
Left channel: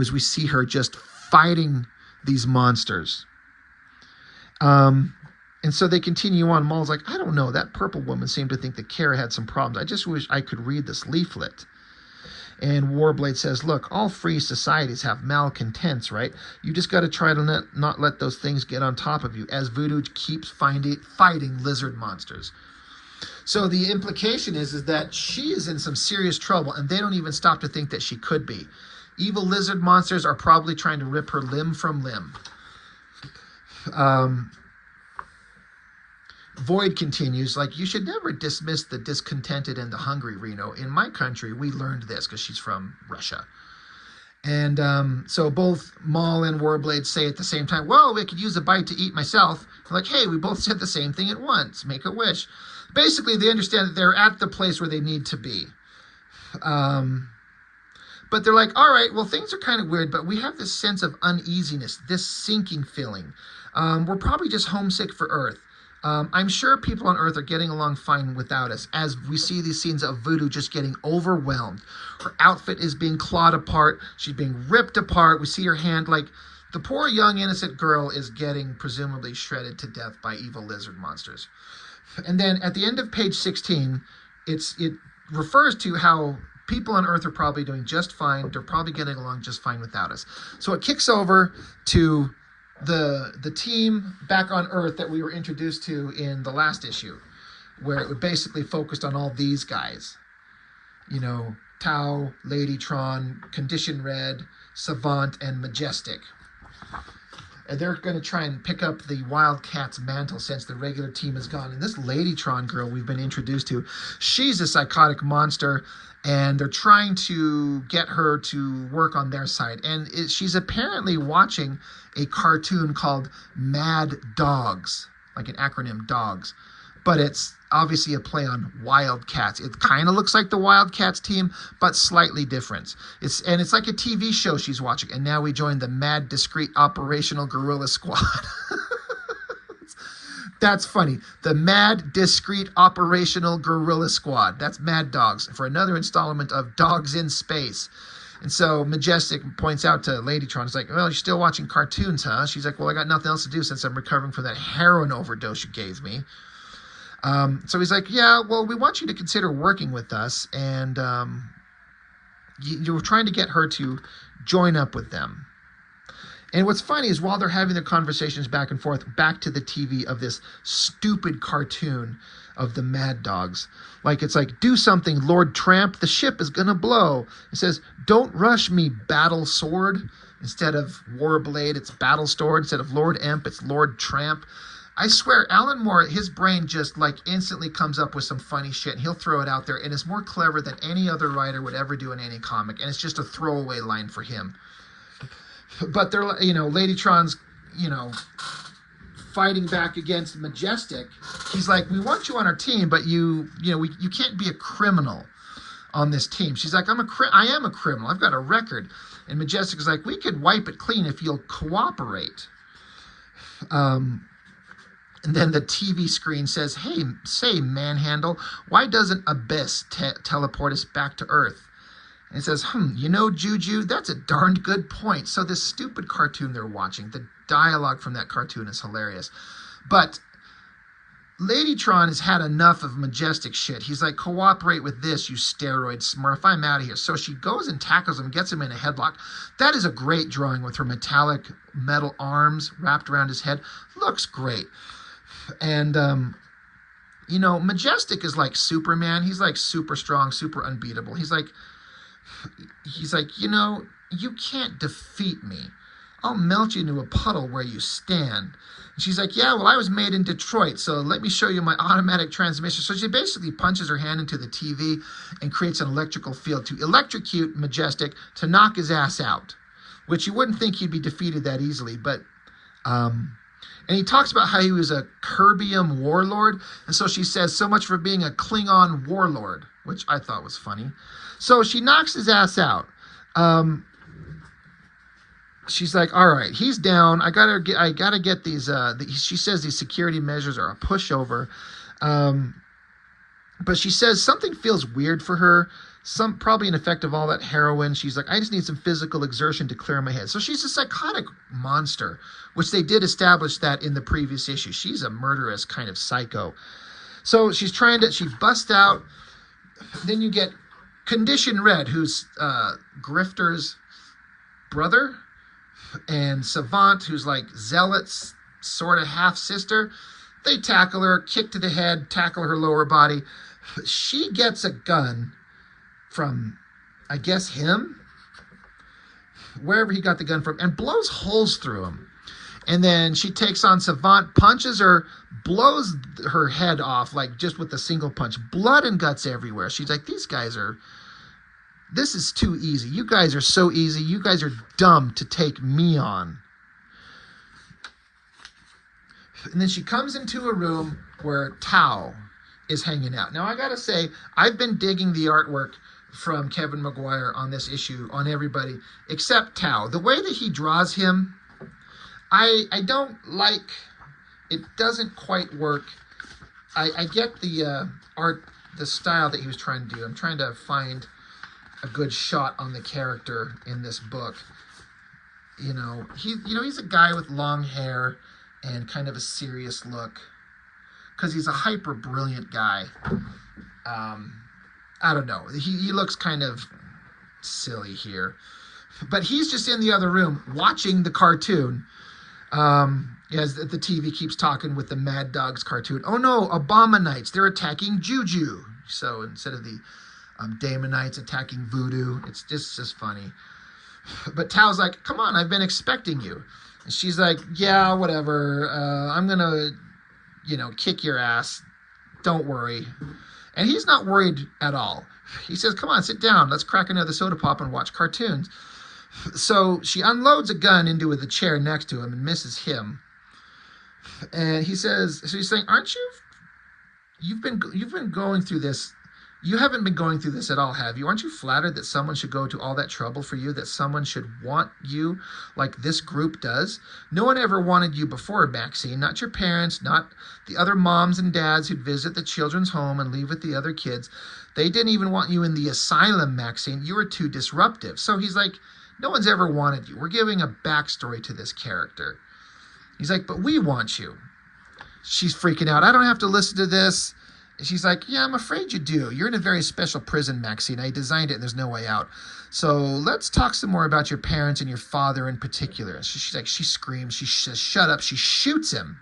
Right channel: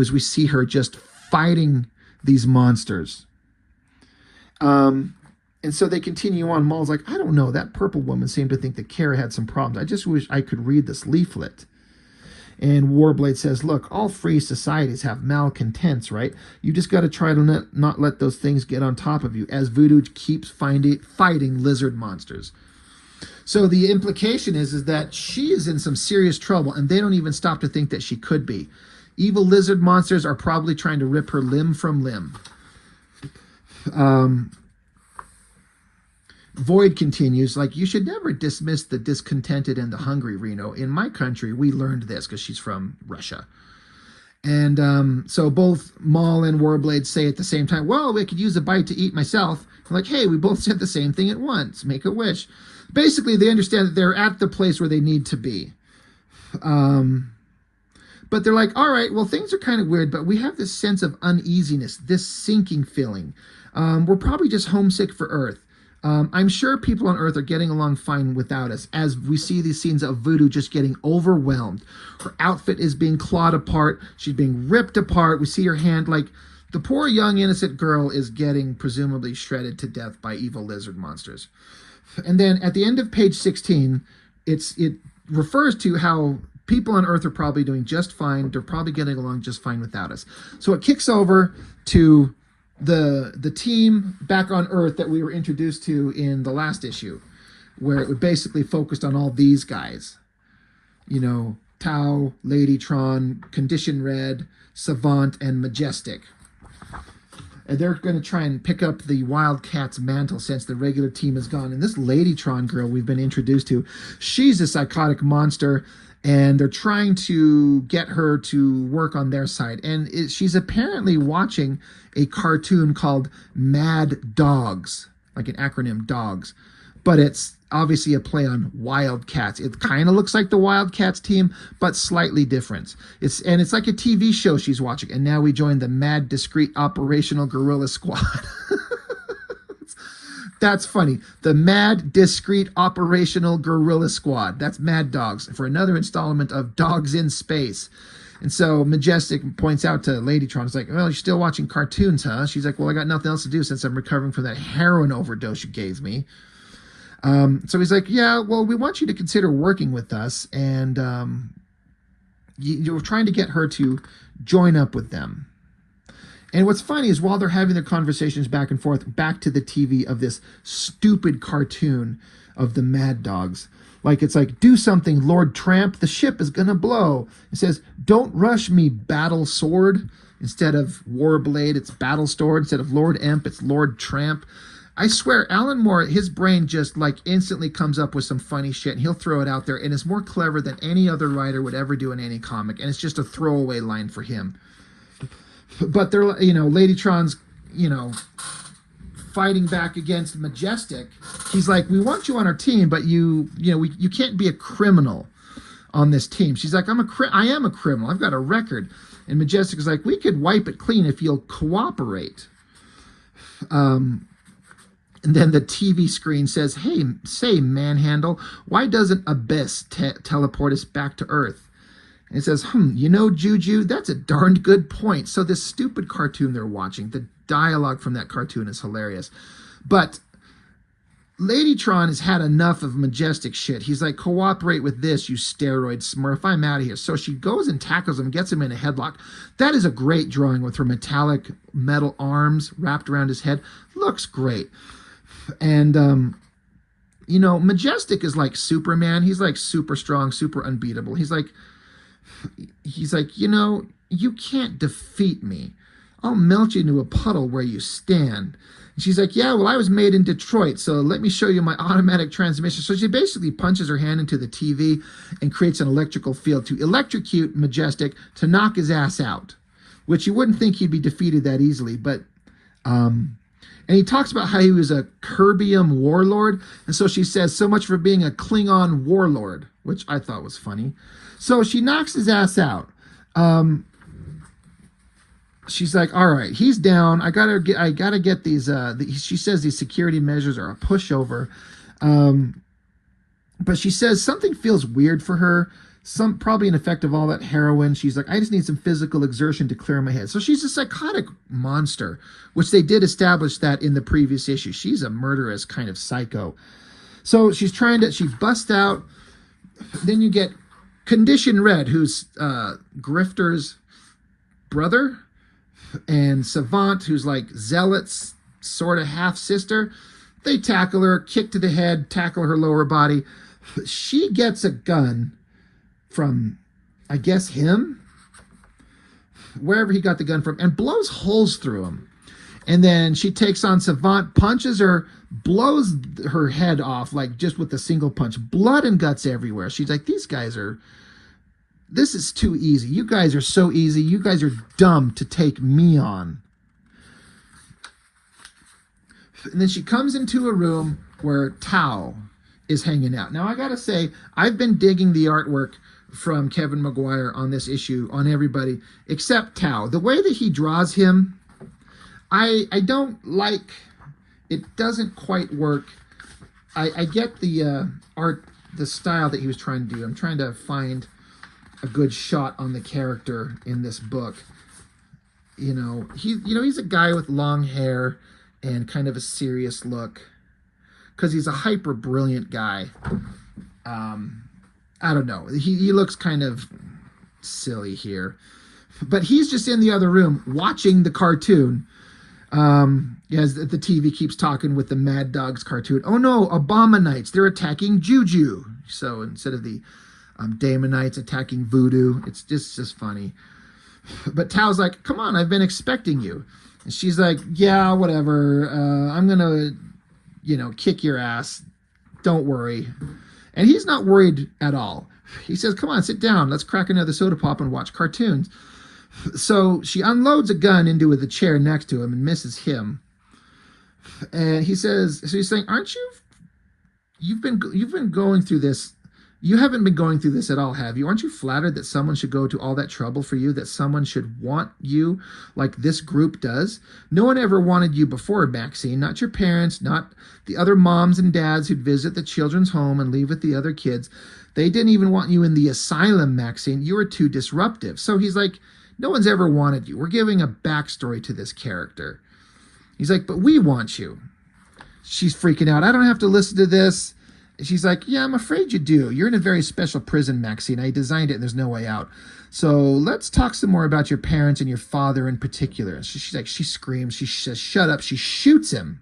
As we see her just fighting these monsters. And so they continue on. Maul's like, I don't know. That purple woman seemed to think that Khera had some problems. I just wish I could read this leaflet. And Warblade says, look, all free societies have malcontents, right? You just got to try to not let those things get on top of you as Voodoo keeps fighting lizard monsters. So the implication is that she is in some serious trouble, and they don't even stop to think that she could be. Evil lizard monsters are probably trying to rip her limb from limb. Void continues, like, you should never dismiss the discontented and the hungry, Reno. In my country, we learned this because she's from Russia. And so both Maul and Warblade say at the same time, well, we could use a bite to eat myself. They're like, hey, we both said the same thing at once. Make a wish. Basically, they understand that they're at the place where they need to be. But they're like, all right, well, things are kind of weird, but we have this sense of uneasiness, this sinking feeling. We're probably just homesick for Earth. I'm sure people on Earth are getting along fine without us, as we see these scenes of Voodoo just getting overwhelmed. Her outfit is being clawed apart. She's being ripped apart. We see her hand, like, the poor young innocent girl is getting presumably shredded to death by evil lizard monsters. And then at the end of page 16, it refers to how people on Earth are probably doing just fine. They're probably getting along just fine without us. So it kicks over to the team back on Earth that we were introduced to in the last issue, where it basically focused on all these guys. You know, Tau, Ladytron, Condition Red, Savant, and Majestic. And they're going to try and pick up the Wildcats mantle since the regular team is gone. And this Ladytron girl we've been introduced to, she's a psychotic monster, and they're trying to get her to work on their side. And she's apparently watching a cartoon called Mad Dogs, like an acronym, DOGS. But it's obviously a play on Wildcats. It kind of looks like the Wildcats team, but slightly different. It's like a TV show she's watching. And now we join the Mad Discreet Operational Guerrilla Squad. That's funny. The Mad Discreet Operational Guerrilla Squad. That's Mad Dogs for another installment of Dogs in Space. And so Majestic points out to Ladytron, it's like, well, you're still watching cartoons, huh? She's like, well, I got nothing else to do since I'm recovering from that heroin overdose you gave me. So he's like, yeah, well, we want you to consider working with us. And you're trying to get her to join up with them. And what's funny is while they're having their conversations back and forth, back to the TV of this stupid cartoon of the Mad Dogs. Like, it's like, do something, Lord Tramp. The ship is going to blow. It says, don't rush me, Battle Sword. Instead of Warblade, it's Battle Sword. Instead of Lord Emp, it's Lord Tramp. I swear, Alan Moore, his brain just, like, instantly comes up with some funny shit, and he'll throw it out there, and it's more clever than any other writer would ever do in any comic, and it's just a throwaway line for him. But they're, Ladytron's, fighting back against Majestic. He's like, we want you on our team, but you can't be a criminal on this team. She's like, I am a criminal. I've got a record. And Majestic is like, we could wipe it clean if you'll cooperate. And then the TV screen says, hey, say, Manhandle, why doesn't Abyss teleport us back to Earth? And it says, Juju, that's a darned good point. So this stupid cartoon they're watching, the dialogue from that cartoon is hilarious. But Ladytron has had enough of Majestic shit. He's like, cooperate with this, you steroid smurf. I'm out of here. So she goes and tackles him, gets him in a headlock. That is a great drawing with her metallic metal arms wrapped around his head. Looks great. And, Majestic is like Superman. He's like super strong, super unbeatable. He's like, you can't defeat me. I'll melt you into a puddle where you stand. And she's like, yeah, well, I was made in Detroit, so let me show you my automatic transmission. So she basically punches her hand into the TV and creates an electrical field to electrocute Majestic to knock his ass out, which you wouldn't think he'd be defeated that easily. But, and he talks about how he was a Kerbium warlord. And so she says, so much for being a Klingon warlord, which I thought was funny. So she knocks his ass out. She's like, all right, he's down. I gotta get these. She says these security measures are a pushover. But she says something feels weird for her. Probably an effect of all that heroin. She's like, I just need some physical exertion to clear my head. So she's a psychotic monster, which they did establish that in the previous issue. She's a murderous kind of psycho. So she busts out. Then you get Condition Red, who's Grifter's brother, and Savant, who's like Zealot's sort of half-sister. They tackle her, kick to the head, tackle her lower body. She gets a gun from, I guess, him, wherever he got the gun from, and blows holes through him. And then she takes on Savant, punches her, blows her head off, like just with a single punch. Blood and guts everywhere. She's like, this is too easy. You guys are so easy. You guys are dumb to take me on. And then she comes into a room where Tao is hanging out. Now, I gotta say, I've been digging the artwork from Kevin Maguire on this issue, on everybody, except Tao. The way that he draws him, I don't like. It doesn't quite work. I get the art, the style that he was trying to do. I'm trying to find a good shot on the character in this book. He's a guy with long hair and kind of a serious look, because he's a hyper brilliant guy. I don't know. He looks kind of silly here, but he's just in the other room watching the cartoon. As the TV keeps talking with the Mad Dogs cartoon. Oh no, Abominites, they're attacking Juju. So instead of the Damonites attacking Voodoo, it's just funny. But Tao's like, come on, I've been expecting you. And she's like, yeah, whatever. I'm gonna, kick your ass. Don't worry. And he's not worried at all. He says, come on, sit down. Let's crack another soda pop and watch cartoons. So she unloads a gun into the chair next to him and misses him. And he says, so he's saying, aren't you've been going through this You haven't been going through this at all, have you? Aren't you flattered that someone should go to all that trouble for you, that someone should want you like this group does? No one ever wanted you before, Maxine. Not your parents, not the other moms and dads who'd visit the children's home and leave with the other kids. They didn't even want you in the asylum, Maxine. You were too disruptive. So he's like, no one's ever wanted you. We're giving a backstory to this character. He's like, but we want you. She's freaking out. I don't have to listen to this. She's like, yeah, I'm afraid you do. You're in a very special prison, Maxine. I designed it and there's no way out. So let's talk some more about your parents and your father in particular. So she's like, she screams. She says, shut up. She shoots him.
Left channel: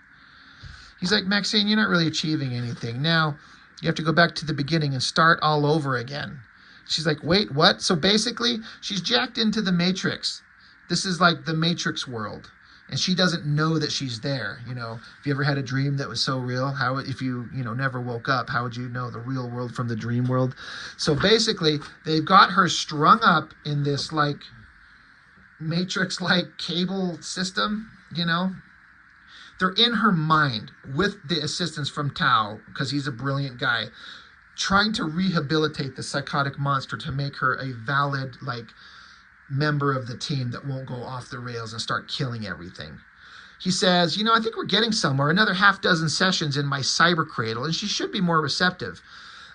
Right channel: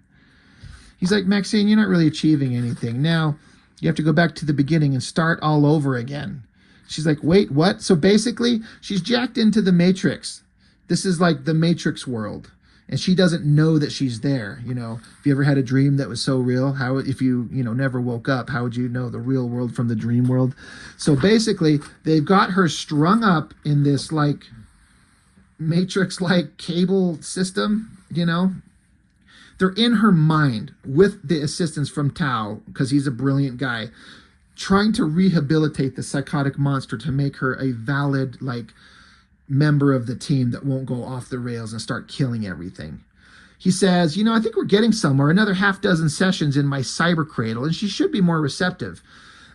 He's like, Maxine, you're not really achieving anything. Now you have to go back to the beginning and start all over again. She's like, wait, what? So basically, she's jacked into the Matrix. This is like the Matrix world. And she doesn't know that she's there. You know, if you ever had a dream that was so real, how, if you never woke up, how would you know the real world from the dream world? So basically, they've got her strung up in this like Matrix-like cable system, you know. They're in her mind with the assistance from Tao, because he's a brilliant guy, trying to rehabilitate the psychotic monster to make her a valid, like, member of the team that won't go off the rails and start killing everything. He says, I think we're getting somewhere. Another half dozen sessions in my cyber cradle, and she should be more receptive.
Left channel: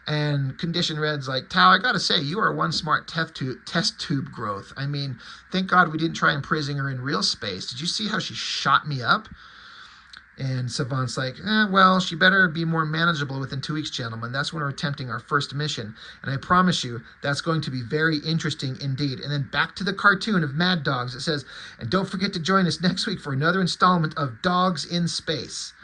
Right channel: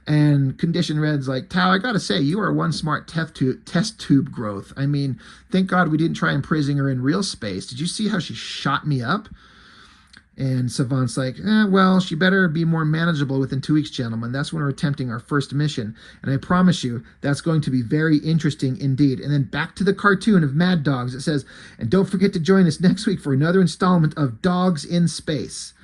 And Condition Red's like, Tao, I gotta say, you are one smart test tube growth. I mean, thank God we didn't try imprisoning her in real space. Did you see how she shot me up? And Savant's like, well, she better be more manageable within 2 weeks, gentlemen. That's when we're attempting our first mission. And I promise you, that's going to be very interesting indeed. And then back to the cartoon of Mad Dogs. It says, and don't forget to join us next week for another installment of Dogs in Space.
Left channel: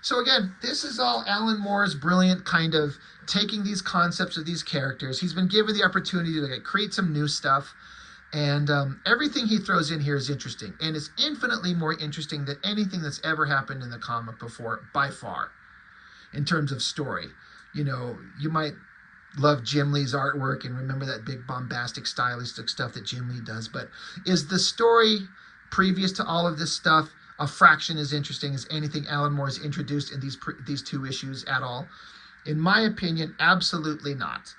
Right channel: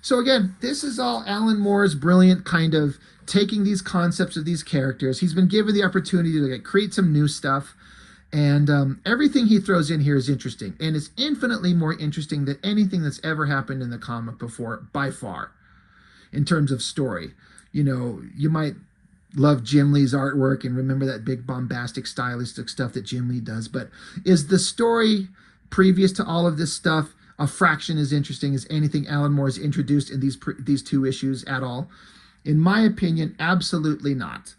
So again, this is all Alan Moore's brilliant kind of taking these concepts of these characters. He's been given the opportunity to create some new stuff. And everything he throws in here is interesting. And it's infinitely more interesting than anything that's ever happened in the comic before, by far, in terms of story. You might love Jim Lee's artwork and remember that big bombastic stylistic stuff that Jim Lee does. But is the story previous to all of this stuff a fraction as interesting as anything Alan Moore's introduced in these 2 issues at all? In my opinion, absolutely not.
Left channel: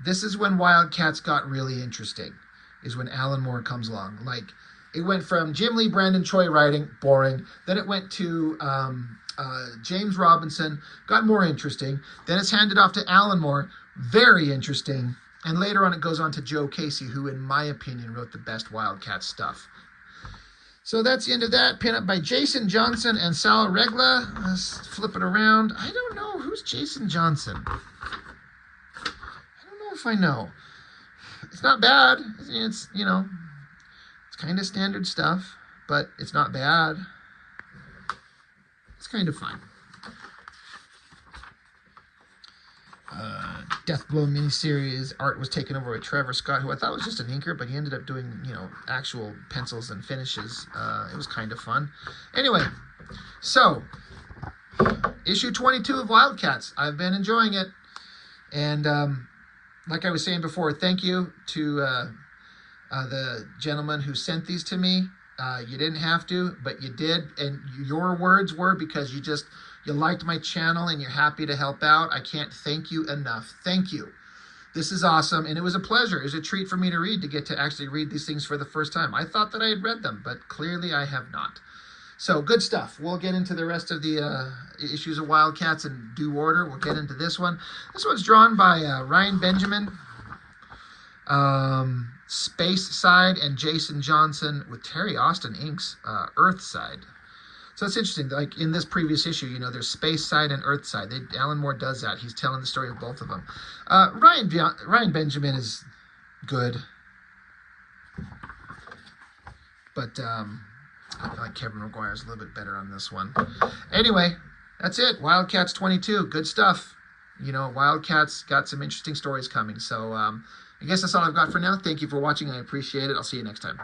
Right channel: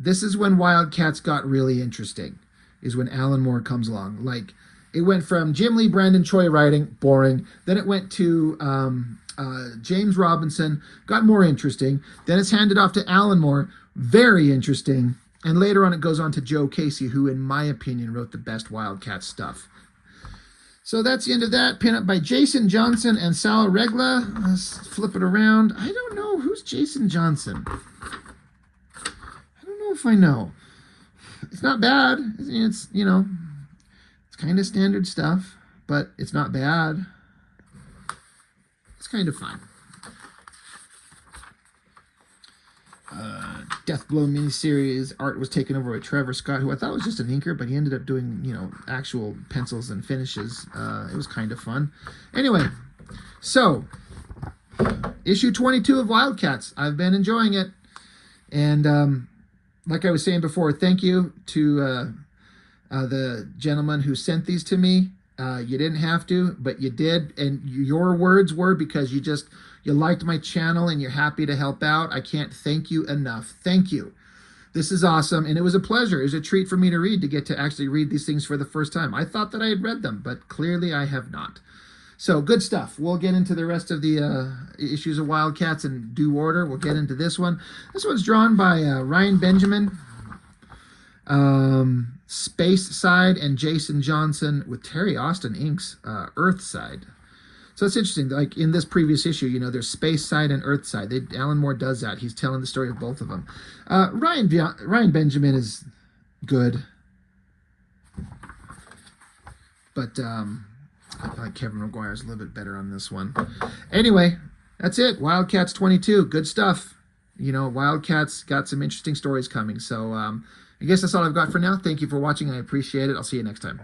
This is when Wildcats got really interesting. Is when Alan Moore comes along. Like, it went from Jim Lee, Brandon Choi writing, boring. Then it went to James Robinson, got more interesting. Then it's handed off to Alan Moore, very interesting. And later on it goes on to Joe Casey, who, in my opinion, wrote the best Wildcat stuff. So that's the end of that. Pin up by Jason Johnson and Sal Regla. Let's flip it around. I don't know. Who's Jason Johnson? I don't know if I know. It's not bad. It's, it's kind of standard stuff, but it's not bad. It's kind of fine. Deathblow miniseries. Art was taken over by Trevor Scott, who I thought was just an inker, but he ended up doing, actual pencils and finishes. It was kind of fun. Anyway, so, issue 22 of Wildcats. I've been enjoying it. And, like I was saying before, thank you to the gentleman who sent these to me. You didn't have to, but you did. And your words were because you liked my channel and you're happy to help out. I can't thank you enough. Thank you. This is awesome. And it was a pleasure. It was a treat for me to read, to get to actually read these things for the first time. I thought that I had read them, but clearly I have not. So, good stuff. We'll get into the rest of the issues of Wildcats in due order. We'll get into this one. This one's drawn by Ryan Benjamin, Space Side, and Jason Johnson, with Terry Austin inks Earthside. So it's interesting. Like in this previous issue, there's Space Side and Earthside. Alan Moore does that. He's telling the story of both of them. Ryan Benjamin is good, but I feel like Kevin McGuire's a little bit better on this one. Anyway, that's it. Wildcats 22. Good stuff. Wildcats got some interesting stories coming. So I guess that's all I've got for now. Thank you for watching. I appreciate it. I'll see you next time.